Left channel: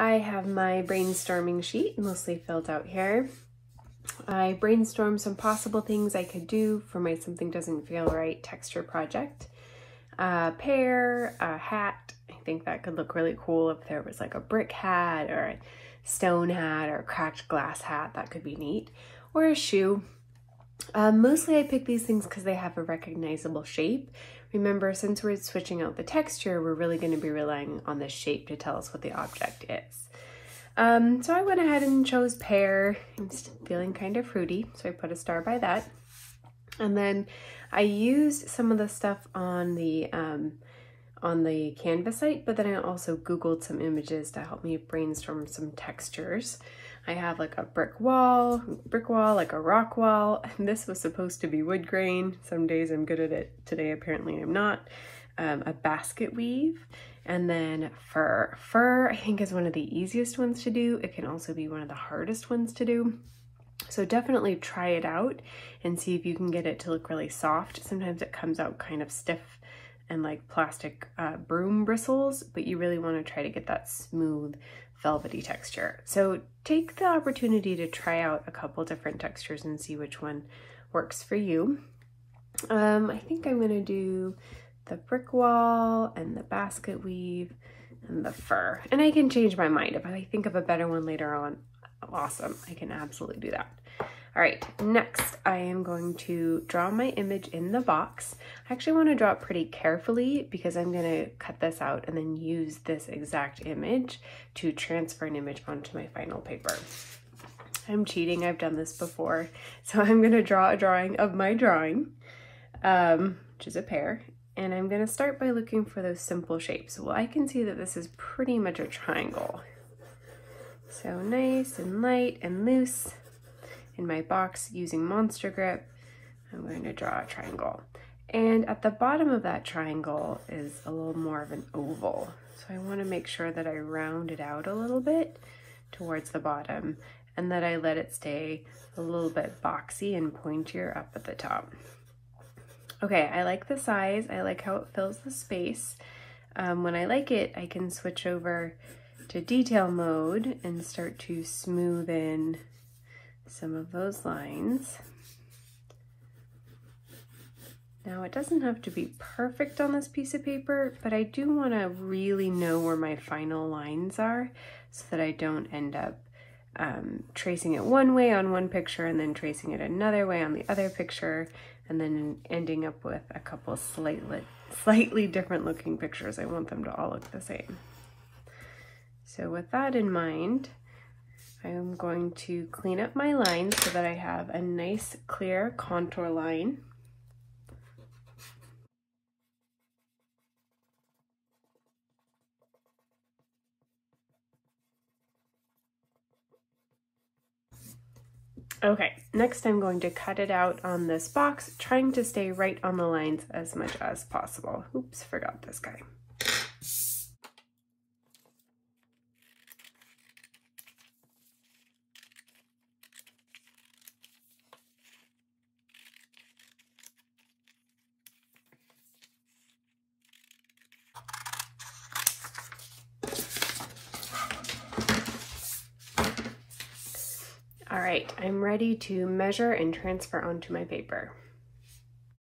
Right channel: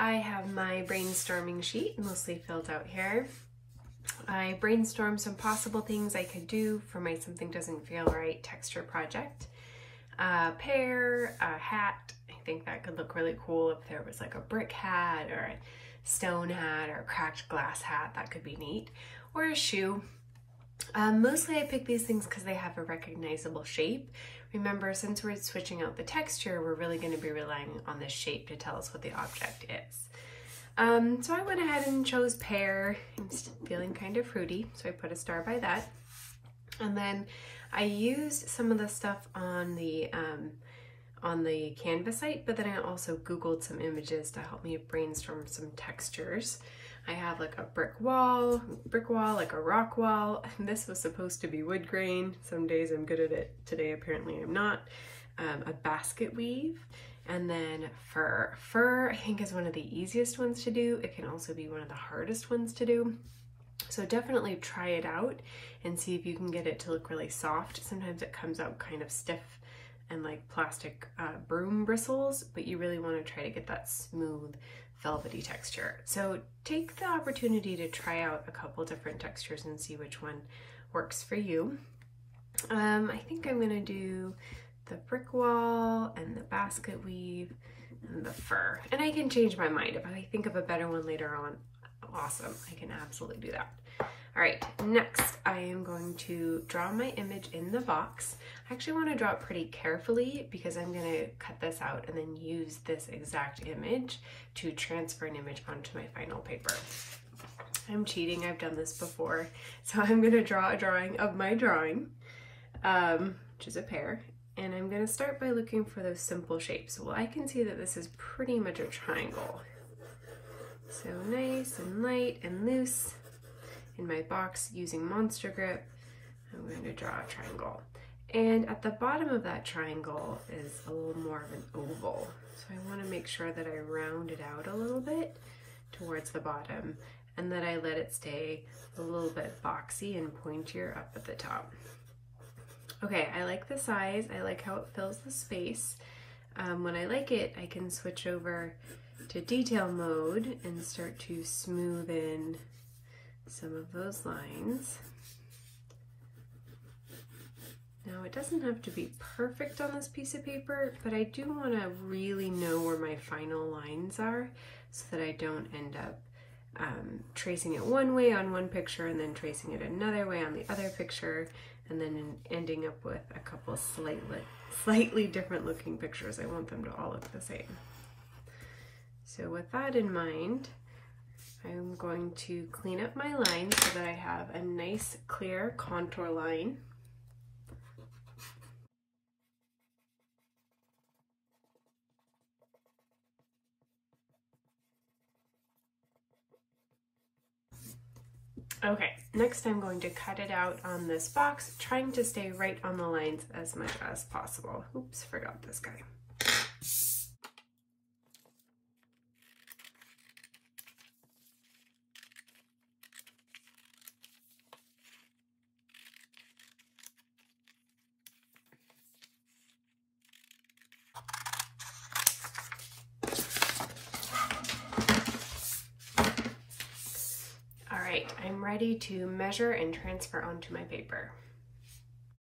I have my brainstorming sheet mostly filled out here. I brainstormed some possible things I could do for my Something Doesn't Feel Right texture project. A pear, a hat. I think that could look really cool if there was like a brick hat or a stone hat or a cracked glass hat. That could be neat. Or a shoe. Mostly I pick these things because they have a recognizable shape. Remember, since we're switching out the texture, we're really going to be relying on the shape to tell us what the object is. So I went ahead and chose pear. I'm feeling kind of fruity, so I put a star by that. And then I used some of the stuff on the Canva site, but then I also Googled some images to help me brainstorm some textures. I have like a brick wall, like a rock wall, and this was supposed to be wood grain. Some days I'm good at it, today apparently I'm not. A basket weave, and then fur. Fur I think is one of the easiest ones to do. It can also be one of the hardest ones to do. So definitely try it out and see if you can get it to look really soft. Sometimes it comes out kind of stiff and like plastic broom bristles, but you really want to try to get that smooth, velvety texture. So take the opportunity to try out a couple different textures and see which one works for you. I think I'm gonna do the brick wall and the basket weave and the fur. And I can change my mind. If I think of a better one later on, awesome, I can absolutely do that. All right, next I am going to draw my image in the box. I actually want to draw it pretty carefully because I'm going to cut this out and then use this exact image to transfer an image onto my final paper. I'm cheating, I've done this before. So I'm going to draw a drawing of my drawing, which is a pear, and I'm going to start by looking for those simple shapes. Well, I can see that this is pretty much a triangle. So nice and light and loose. In my box using Monster Grip, I'm going to draw a triangle. And at the bottom of that triangle is a little more of an oval. So I want to make sure that I round it out a little bit towards the bottom and that I let it stay a little bit boxy and pointier up at the top. Okay, I like the size. I like how it fills the space. When I like it, I can switch over to detail mode and start to smooth in some of those lines. Now it doesn't have to be perfect on this piece of paper, but I do want to really know where my final lines are so that I don't end up tracing it one way on one picture and then tracing it another way on the other picture and then ending up with a couple slightly different looking pictures. I want them to all look the same. So with that in mind, I'm going to clean up my lines so that I have a nice clear contour line. Okay, next I'm going to cut it out on this box, trying to stay right on the lines as much as possible. Oops, forgot this guy. All right, I'm ready to measure and transfer onto my paper.